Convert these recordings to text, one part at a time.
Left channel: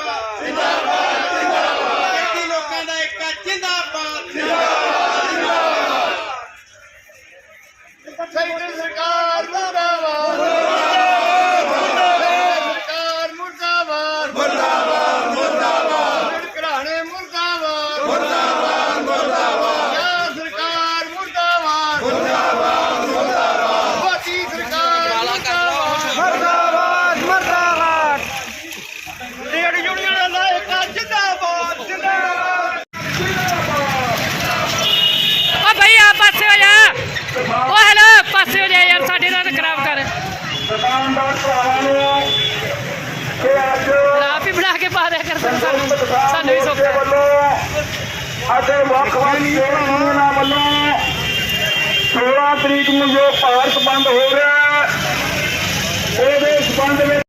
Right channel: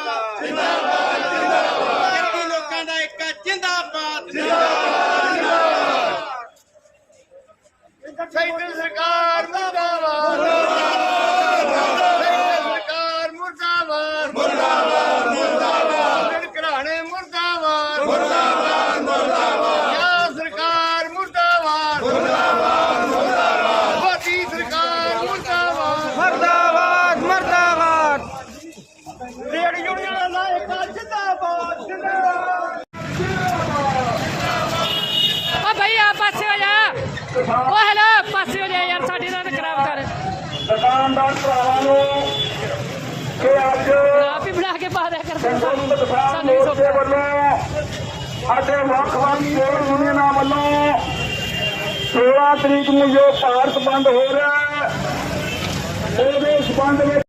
ਜਿੰਦਾਬਾਦ। ਜਿੰਦਾਬਾਦ ਜਿੰਦਾਬਾਦ ਲੋਕਾਂ ਦਾ ਇੱਕ ਜਿੰਦਾਬਾਦ। ਜਿੰਦਾਬਾਦ ਸੈਂਟਰ ਸਰਕਾਰ ਮੁਰਦਾਬਾਦ ਸਰਕਾਰ ਮੁਰਦਾਬਾਦ ਮੁਰਦਾਬਾਦ ਮੁਰਦਾਬਾਦ ਘਰਾਣੇ ਮੁਰਦਾਬਾਦ ਮੁਰਦਾਬਾਦ ਮੁਰਦਾਬਾਦ ਸਰਕਾਰ ਮੁਰਦਾਬਾਦ ਮੁਰਦਾਬਾਦ ਮੁਰਦਾਬਾਦ ਮੋਦੀ ਸਰਕਾਰ ਮੁਰਦਾਬਾਦ ਮਰਦਾਬਾਦ ਮਰਦਾਬਾਦ ਰੇਡ ਯੂਨੀਅਨ ਦਾ ਇੱਕ ਜਿੰਦਾਬਾਦ ਜਿੰਦਾਬਾਦ ਓ ਭਈ ਆ ਪਾਸੇ ਹੋ ਜਾ ਓ ਹੈਲੋ ਪਾਸੇ ਹੋ ਜਾ ਯਾਰ, ਸਾਡੇ ਨਾਲ ਖਰਾਬ ਕਰ। ਦੁਕਾਨਦਾਰ ਭਰਾਵਾਂ ਨੂੰ ਕਿ ਅੱਜ ਆਪ ਹੀ ਬਣਾ ਕੇ ਪਾ ਦਿਆ ਕਰ, ਸਾਨੂੰ ਸਾਨੂੰ ਵੀ ਮੋਰਚੇ ਵੱਲੋਂ ਅਤੇ ਵੱਖ ਵੱਖ ਟ੍ਰੇਡ ਯੂਨੀਅਨਾਂ ਵੱਲੋਂ 16 ਤਰੀਕ ਨੂੰ ਜੋ ਭਾਰਤ ਬੰਦ ਹੋ ਗਿਆ ਉਹਦੇ ਸੰਬੰਧ ਵਿੱਚ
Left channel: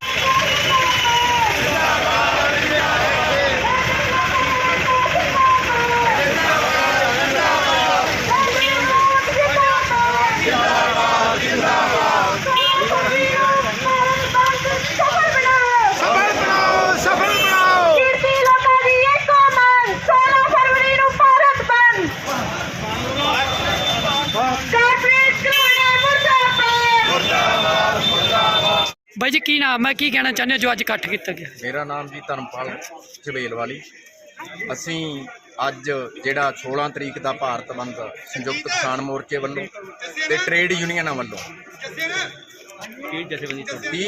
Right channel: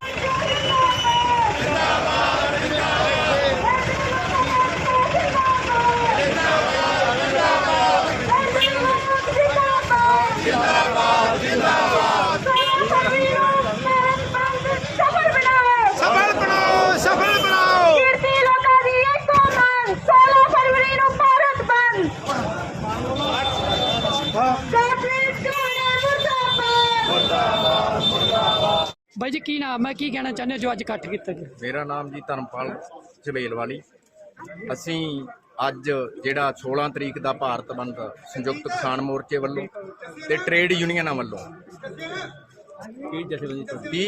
ਸਫਲ ਬਣਾਓ ਸਫਲ ਬਣਾਓ ਕੀਰਤੀ ਲੋਕਾਂ ਦੀ ਇੱਕੋ ਮੰਗ 16 ਫਰਵਰੀ ਨੂੰ ਭਾਰਤ ਬੰਦ ਕਾਰਪੋਰੇਟ ਘਰਾਣੇ ਮੁਰਦਾਬਾਦ ਬਾਈ ਜੀ ਕੀ ਨਾਮ ਹੈ? ਕੀ ਕਹਿਣਾ ਚਾਹੁੰਦੇ ਹੋ ਜੋ ਅੱਜ ਇਕੱਠ ਕੀਤਾ ਗਿਆ? ਮੇਰਾ ਨਾਮ ਜੀ ਧਰਮਪਾਲ ਝਬੇਲ ਵਾਲੀ ਅਸੀਂ ਅੱਜ ਜਿਹੜਾ 16 ਤਰੀਕ ਦਾ ਭਾਰਤ ਬੰਦ ਸੰਯੁਕਤ ਕਿਸਾਨ ਮੋਰਚੇ ਵੱਲੋਂ ਤੇ ਟ੍ਰੇਡ ਯੂਨੀਅਨਾਂ ਵੱਲੋਂ ਕੀ ਜਥੇਬੰਦੀ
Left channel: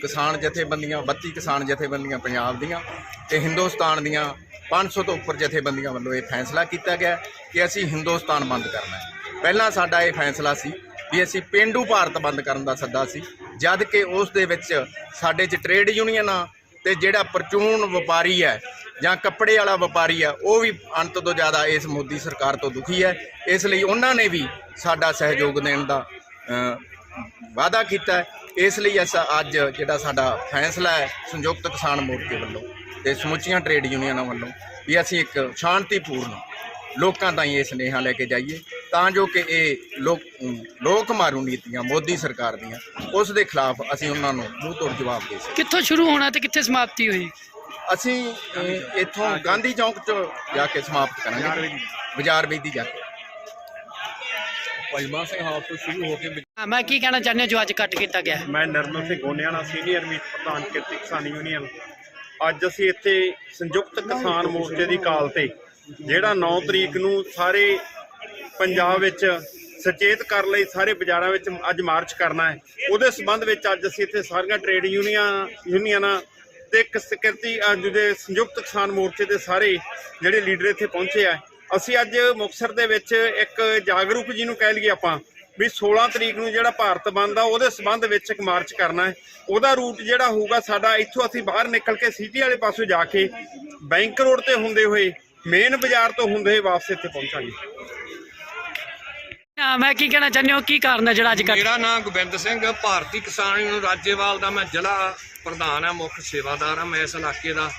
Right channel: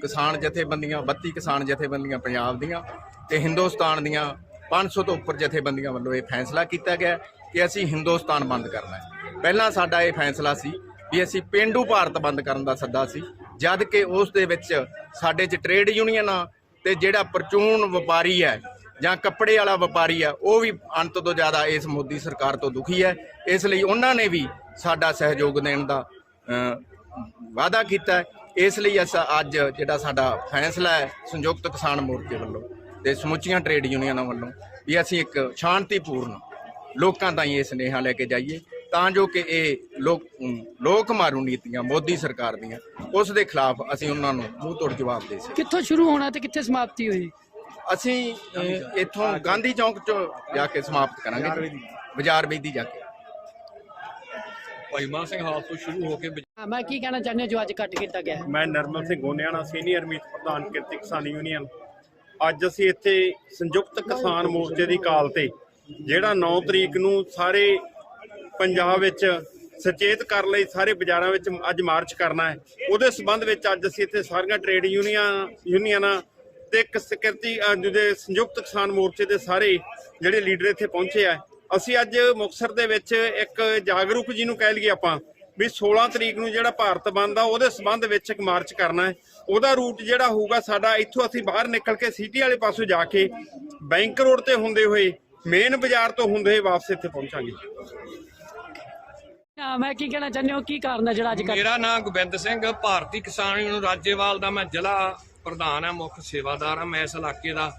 ਕਿਸਾਨ ਜਥੇਬੰਦੀਆਂ 32 ਕਿਸਾਨ ਜਥੇਬੰਦੀਆਂ ਪੰਜਾਬ ਦੀਆਂ ਤੇ ਹਿੰਦੁਸਤਾਨ ਦੀਆਂ 500 ਤੋਂ ਉੱਪਰ ਜਥੇਬੰਦੀਆਂ ਵੱਲੋਂ ਇਹ ਫੈਸਲਾ ਕੀਤਾ ਗਿਆ ਕਿ ਅਸੀਂ ਹਿੰਦੁਸਤਾਨ ਬੰਦ ਕਰਨਾ ਹੈ। ਪਹਿਲਾਂ ਸਾਡਾ ਇਹ ਫੈਸਲਾ ਸੀ ਵੀ ਅਸੀਂ ਪਿੰਡੂ ਭਾਰਤ ਬੰਦ ਕਰਨ ਦਾ ਸੱਦਾ ਸੀ। ਜਦ ਕਿ ਉਸ ਦੇ ਵਿੱਚ ਸਾਡੇ 'ਚ ਟ੍ਰੇਡ ਯੂਨੀਅਨਾਂ ਤੇ ਜਿਹੜਾ ਪਰਚੂਨ ਵਪਾਰੀ ਹੈ ਜਾਂ ਕੱਪੜੇ ਵਾਲਾ ਵਪਾਰੀ ਹੈ ਉਹ ਵੀ ਅੰਤ ਤੋਂ ਜ਼ਿਆਦਾ ਇਸ ਮੋਦੀ ਸਰਕਾਰ ਤੋਂ ਦੁਖੀ ਹੈ। ਇਸ ਲਈ ਉਹਨਾਂ ਨੇ ਵੀ ਸਾਡਾ ਸਹਿਯੋਗ ਦੇਣ ਦਾ ਵਾਅਦਾ ਕੀਤਾ ਇਸ ਲਈ ਅਸਾਂ, ਅੱਜ ਜਿਹੜਾ ਸਾਡਾ ਫੈਸਲਾ ਹੈ ਸੰਯੁਕਤ ਕਿਸਾਨ ਮੋਰਚੇ ਵੱਲੋਂ ਤੇ ਸਮੁੱਚੀਆਂ ਟ੍ਰੇਡ ਯੂਨੀਅਨਾਂ ਵੱਲੋਂ ਵੀ ਅਸੀਂ ਇੱਕ ਸ਼ਾਂਤੀਪੂਰਨ ਲੋਕਾਂ ਤਾਈਂ ਇਹ ਸੁਨੇਹਾ ਲੈ ਕੇ ਜਾਈਏ। ਤਾਂ ਜੋ ਕਿ ਇਹ ਲੋਕ ਲੋਕ ਮਾਰੂ ਨੀਤੀਆਂ ਮੋਦੀ ਸਰਕਾਰ ਦੀਆਂ ਉਸ ਦੇ ਖਿਲਾਫ ਅਸੀਂ ਉਹਨਾਂ ਨੂੰ ਮੂੰਹ ਤੋੜ ਜਵਾਬ ਦੇ ਸਕੀਏ ਕਿੱਥੋਂ ਸ਼ੁਰੂ ਹੋਣਾ ਤੇ ਕਿੱਥੇ ਸਮਾਪਤੀ ਹੋਈ? ਅਸੀਂ ਅਹ, ਇੱਥੋਂ ਗਾਂਧੀ ਚੌਂਕ 'ਚ ਜਾ ਕੇ ਸਮਾਪਤ ਕਰਾਂਗੇ ਬਾਜ਼ਾਰ ਵੇਦੀ ਜਾ ਕੇ। ਭਾਈਮਾ ਸਿੰਘ ਹਾਲ ਤੋਂ ਸ਼ੁਰੂ ਹੋ ਕੇ ਹਾਂ ਮੈਂ ਕੀ ਕਹਿਣਾ ਚਾਹੁੰਦੇ ਹੋ ਜੋ ਅੱਜ ਇਕੱਠ ਕੀਤਾ ਗਿਆ ਹੈ? ਮੈਂ ਨਰਮਲ ਸਿੰਘ ਗੋਨਿਆਣਾ ਸੀਨੀਅਰ ਮੀਤ ਪ੍ਰਧਾਨ ਕਿਰਤੀ ਕਿਸਾਨ ਯੂਨੀਅਨ। ਅੱਜ ਅਸੀਂ ਇੱਥੇ ਸੰਯੁਕਤ ਕਿਸਾਨ ਮੋਰਚੇ ਦੀ ਕਾਲ ਤੇ ਜਿਹੜਾ 9 ਤਰੀਕ ਨੂੰ ਸਾਰੇ ਪੰਜਾਬ ਵਿੱਚ ਸੁਚੇਤ ਕਰਨ ਲਈ ਸਾਰੇ ਬਾਜ਼ਾਰਾਂ ਵਿੱਚ ਅੱਜ ਮਾਰਚ ਕਰਨਾ ਹੈ। ਉਹਦੇ ਸਬੰਧ ਵਿੱਚ ਅੱਜ ਅਸੀਂ ਇੱਥੇ ਸਾਰੀਆਂ ਟ੍ਰੇਡ ਯੂਨੀਅਨਾਂ ਯੂਨੀਅਨਾਂ ਤੇ ਕਿਸ- ਕਿਰਤੀ ਅ, ਜਿਹਦੇ ਸੰਯੁਕਤ ਕਿਸਾਨ ਮੋਰਚੇ ਦੇ ਸਾਰੇ ਜਿਹੜੇ ਲੀਡਰ ਇੱਥੇ ਪਹੁੰਚੇ ਆ। ਅਸੀਂ ਅੱਜ ਮੁਕਤਸਰ ਦੇ ਵਿੱਚ ਇੱਕ ਜਾਗਰੂਕ ਜੀ ਨੂੰ ਕਹਿ ਲਈਏ ਆਪਾਂ ਵੀ 16 ਤਰੀਕ ਨੂੰ ਜਿਹੜਾ ਭਾਰਤ ਬੰਦ ਆ ਉਹਦੇ ਸਬੰਧ ਵਿੱਚ ਇੱਕ ਮਾਰਚ ਕਰਨਾ ਹੈ। ਉਹਦਾ ਰੂਟ ਜਿਹੜਾ ਹੋਊਗਾ ਸਾਡਾ ਇੱਥੋਂ ਅਸੀਂ ਬਾਹਰ ਨਿਕਲ ਕੇ ਸਿਟੀ ਵਾਲੇ ਪਾਸੋਂ ਜਾ ਕੇ ਬੈਂਕ ਰੋਡ ਤੇ ਹੁੰਦੇ ਹੋਏ ਮੇਨ ਬਾਜ਼ਾਰ ਤੋਂ ਹੁੰਦੇ ਹੋਏ ਵਾਪਸ ਇੱਥੇ ਪਹੁੰਚਾਂਗੇ। ਹਾਂ ਮੈਂ ਕੀ ਕਹਿਣਾ ਚਾਹੁੰਦੇ ਹੋ? ਕੀ ਕਾਰਨ ਹੈ ਜਿਹੜਾ ਅੱਜ ਕੱਲ੍ਹ? ਮੇਰਾ ਨਾਮ ਗੋਬਿੰਦ ਸਿੰਘ ਭਾਰਤੀ ਕਿਸਾਨ ਯੂਨੀਅਨ ਰਾਜੇਵਾਲ ਦਾ ਮੈਂ ਜ਼ਿਲ੍ਹਾ ਪ੍ਰਧਾਨ ਆ ਮੁੱਖ ਸੇਵਾਦਾਰ ਆ ਮੈਂ ਇਸ ਇਲਾਕੇ ਦਾ।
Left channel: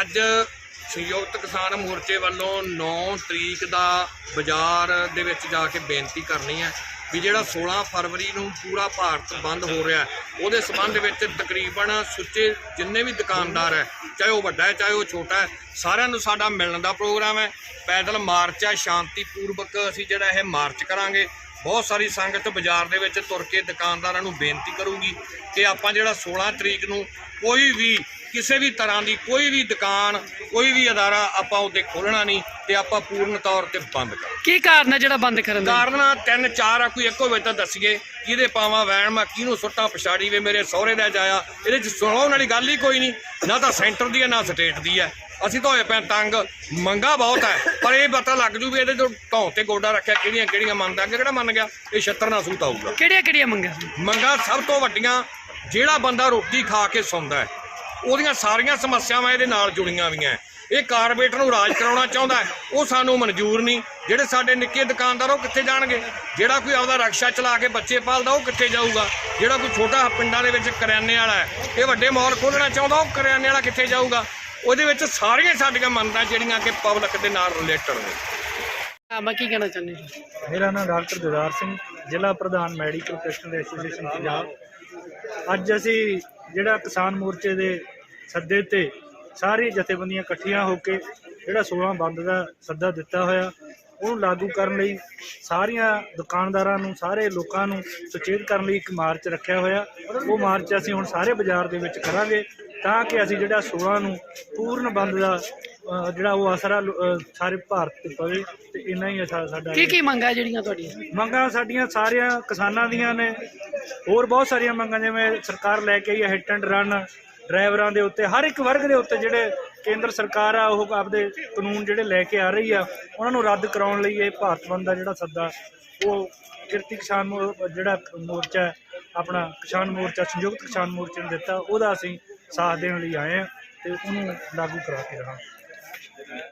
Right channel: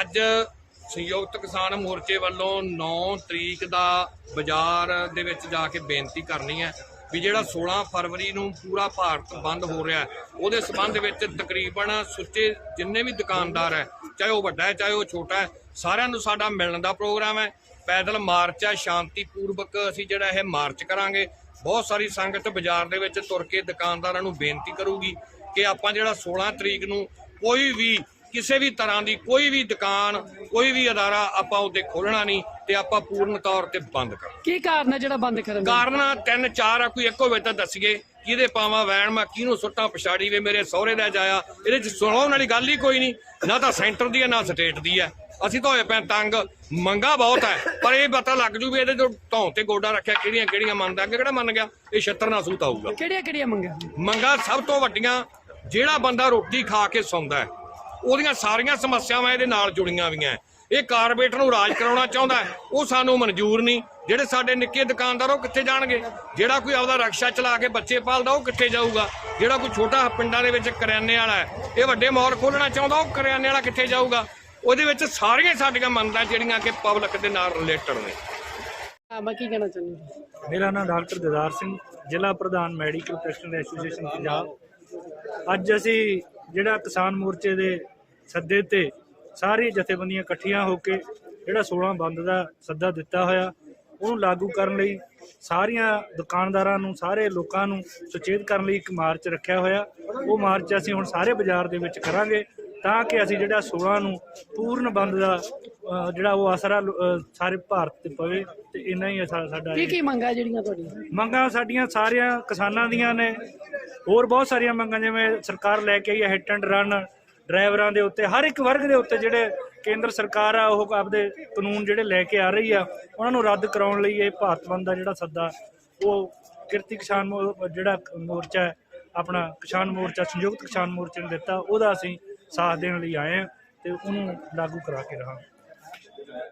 ਅੱਜ ਸੰਯੁਕਤ ਕਿਸਾਨ ਮੋਰਚੇ ਵੱਲੋਂ 9 ਤਰੀਕ ਦਾ ਬਾਜ਼ਾਰ ਦੇ ਵਿੱਚ ਜਾ ਕੇ ਬੇਨਤੀ ਕਰਨੀ ਹੈ ਵੀ ਜਿਹੜਾ 16 ਫਰਵਰੀ ਨੂੰ ਪੂਰਾ ਭਾਰਤ ਬੰਦ ਹੋ ਰਿਹਾ ਉਹਦੇ ਸੰਬੰਧ ਵਿੱਚ ਤਕਰੀਬਨ ਸੁੱਚੇ ਜਿੰਨੇ ਵੀ ਦੁਕਾਨਦਾਰ ਹੈ, ਚਾਹੇ ਉਹ ਵੱਡਾ ਹੈ, ਚਾਹੇ ਉਹ ਛੋਟਾ ਹੈ, ਸਾਰਿਆਂ ਨੂੰ ਸਾਡਾ ਮਿਲਣ ਦਾ ਪ੍ਰੋਗਰਾਮ ਹੈ। ਪੈਦਲ ਮਾਰਚ ਹੈ, ਸ਼ਾਂਤੀਪੂਰਵਕ ਅਸੀਂ ਜਿਹੜਾ ਇਹ ਮਾਰਚ ਕਰਾਂਗੇ। ਬਹੁਤ ਸਾਰੀ ਸੰਗਤ ਬਾਜ਼ਾਰ ਦੇ ਵਿੱਚ ਤੁਰ ਕੇ ਦੁਕਾਨਦਾਰਾਂ ਨੂੰ ਬੇਨਤੀ ਕਰੂਗੀ ਕਿ ਆਪਾਂ ਜਿਹੜਾ 16 ਤਰੀਕ ਨੂੰ ਕੋਈ ਵੀ ਕਿਸੇ ਵੀ ਤਰ੍ਹਾਂ ਦੀ ਕੋਈ ਵੀ ਦੁਕਾਨ ਕੋਈ ਵੀ ਅਦਾਰਾ ਆਪਾਂ ਉਹਦੇ ਖੋਲਣਾ ਨਹੀਂ ਤੇ ਆਪਾਂ ਪੂਰਨ ਤੌਰ ਤੇ ਬੰਦ ਕਰਾਂਗੇ ਕੀ ਕਾਰਨ ਹੈ ਜਿਹੜਾ ਬੰਦ ਕਰਨ ਦਾ? ਕਾਰਨ ਆ ਤਿੰਨ ਚਾਰ ਆ ਕੋਈ ਇੱਕੋ ਵਿੱਚ ਤਾਂ ਦੱਸੀਏ ਕਿਹਦੇ ਪਾਵਾਂ ਵੈਣ ਮੈਂ ਕਿਹਨੂੰ ਸੁੱਟਾਂ ਪਛਾੜੀ ਵੇ ਮੇਰੇ ਸਹੁਰੇ ਦਾ ਜਾਇਆ ਇਹਦੇ ਚ ਸੁਣਾਉਣ ਵਾਲੀ ਗੱਲ ਹੀ ਕੋਈ ਨਹੀਂ ਨਾ ਤਾਂ ਸੈਂਟਰ ਦੀ ਹੈ ਨਾ ਸਟੇਟ ਦੀ ਹੈ। ਅਸੀਂ ਤਾਂ ਹੋਏ ਪਏ ਤੰਗ ਮੰਗਾ ਬਹੁਤ ਹੈ ਪਰ ਇਹ ਪਤਾ ਲੱਗ ਜੂ ਵੀ ਇਹਦੇ ਤੋਂ ਢੌਂ ਤੇ ਗੋਡਾ ਰੱਖਿਆ ਕਿਹੜੀਆਂ ਕਿਹੜੀਆਂ ਮੰਨਦਾ ਅੱਗੇ ਕਿਹੜਾ ਮੰਨ ਗਿਆ ਇਹ ਛੱਤਰ ਨਾ ਸੂਤ ਆਊਗਾ। ਕਿਹੜੀਆਂ ਕਿਹੜੀਆਂ ਮੰਗਾਂ? ਮੰਗਾ ਸਭ ਤੋਂ ਵੱਡੀਆਂ ਜਿਹੜਾ ਬੰਦਾ ਰੋਟੀ ਖਾ ਕੇ ਸੌਂਦਾ ਹੈ ਉਹਦੀਆਂ ਸਾਰੀਆਂ ਸਮੱਸਿਆਵਾਂ ਇਹਦੇ ਨਾਲ ਜੁੜੀਆਂ ਹੋਈਆਂ। ਹੈ। ਇਹ ਕਾਰਪੋਰੇਟਰ ਨੂੰ ਰਾਜ ਕਰਾਉਣਾ ਚਾਹੁੰਦਾ ਉਹ ਸਾਨੂੰ ਮਨਜ਼ੂਰ ਨਹੀਂ। ਜਿਹੜੇ ਸਾਡੇ ਨਿੱਕੇ ਦੁਕਾਨਦਾਰ ਉਹ ਕਿੱਥੇ ਜਾਣਗੇ? ਜਿਹੜਾ ਕੋਈ ਆਪਦਾ ਰਕਸ਼ਾ ਚਲਾ ਕੇ ਬੱਚੇ ਪਾਲਦਾ ਉਹ ਕਿੱਥੇ ਜਾਊਗਾ? ਜਿਹੜਾ ਕੋਈ ਛੋਟਾ ਪਿੰਡਾਂ ਦੇ ਵਿੱਚ ਕਰਿਆਨੇ ਵਾਲਾ ਇਹ ਵੱਡੇ ਮਾਲ ਖੋਲਣਾ ਚਾਹੁੰਦਾ ਉਹ ਕਰਿਆਨੇ ਵਾਲਾ ਕਿੱਥੇ ਜਾਊਗਾ? ਉਹਦੇ ਵਿੱਚ ਸਾਰੀਆਂ ਸਾਡੀਆਂ ਮੰਨਦਾ ਜਿਹੜੀਆਂ ਕਿ ਪਬਲਿਕ ਦੇ ਨਾਲ ਰਿਲੇਟਡ ਨੇ। ਮੈਂ ਕੀ ਕਹਿਣਾ ਚਾਹੁੰਦੇ ਹੋ? ਮੇਰਾ ਨਾਮ ਡਾਕਟਰ ਦਿਦਾਰ ਸਿੰਘ ਜ਼ਿਲ੍ਹਾ ਪ੍ਰਧਾਨ ਮੈਡੀਕਲ ਪ੍ਰੋਫੈਸ਼ਨਲ ਐਸੋਸੀਏਸ਼ਨ ਪੰਜਾਬ। ਅੱਜ ਅਸੀਂ ਜਿਹੜਾ ਕਿਸਾਨ ਮੋਰਚੇ ਦੇ ਸੱਦੇ ਤੇ ਸਾਰੀ ਜਥੇਬੰਦੀਆਂ ਇਕੱਠੀਆਂ ਹੋ ਕੇ ਜਿਹੜਾ 16 ਬੰਦ ਦਾ ਸੱਦਾ ਦਿੱਤਾ ਹੋਇਆ, ਉਹਨੂੰ ਲਾਗੂ ਕਰਨ ਲਈ ਸਾਰੀਆਂ ਦੁਕਾਨਦਾਰਾਂ ਨੂੰ, ਸਾਰੇ ਲੋਕਾਂ ਨੂੰ ਸੁਚੇਤ ਕਰਨ ਲਈ ਇੱਕ ਮਾਰਚ ਰੱਖਿਆ ਹੋਇਆ। ਉਹ ਮਾਰਚ ਅਸੀਂ ਹੁਣ ਸਾਰੇ ਬਾਜ਼ਾਰ ਦੇ ਵਿੱਚ ਕਰਾਂਗੇ ਤਾਂ ਕਿ ਅਸੀਂ ਜਿਹੜਾ 16 ਨੂੰ ਪੂਰਨ ਬੰਦ ਦਾ ਜਿਹੜਾ ਉਹ ਅਸਰ ਆ, ਸਾਰੇ ਭਾਰਤ ਤੇ ਪਵੇ ਤੇ ਇੰਨਾ ਹੀ ਸਾ- ਸਾਡਾ ਕੀ ਕੀ ਮੰਗਾਂ ਜਿਹੜੀਆਂ ਤੁਹਾਡੀਆਂ? ਮੰਗਾਂ ਸਾਡੀਆਂ ਸਾਰੀਆਂ ਕਿਸਾਨਾਂ ਦੀਆਂ ਨੇ। ਹੋਰ ਬਹੁਤ ਸਾਰੀਆਂ ਮੰਗਾਂ ਜਿਵੇਂ ਸਰਕਾਰ ਲੈ ਕੇ ਆਈ ਹੈ ਹਿੱਟ ਐਂਡ ਰਨ ਡਰਾਈਵਰਾਂ ਦੇ ਉੱਤੇ। ਹਰ ਇੱਕ ਵਰਗ ਦੇ ਉੱਤੇ ਜਿਹੜੇ ਕੇਂਦਰ ਸਰਕਾਰ ਆ ਉਹ ਆਪਦੇ ਕਾਨੂੰਨ ਜਿਹੜੇ ਲੈ ਕੇ ਆ ਰਹੀ ਆ ਉਹਨਾਂ ਨੂੰ ਰੱਦ ਕਰਾਉਣ ਲਈ ਇਹ ਭਾਰਤ ਬੰਦ ਦਾ ਜਿਹੜਾ ਸੱਦਾ ਉਹ ਕਿਰਤੀ ਕਿਸਾਨ ਮੋ- ਜਿਹੜਾ ਮੋਰਚਾ ਹੈ, ਆਪਣਾ ਕਿਸਾਨ ਮੋਰਚਾ ਸੰਯੁਕਤ ਕਿਸਾਨ ਮੋਰਚੇ ਨੇ ਦਿੱਤਾ ਉਹਦਾ ਅਸੀਂ ਸਾਥ ਦੇਣ ਲਈ ਆਏ ਆ ਤੇ ਉਹਨੂੰ ਲਾਗੂ ਕਰਾ ਕੇ ਰਹਾਂਗੇ।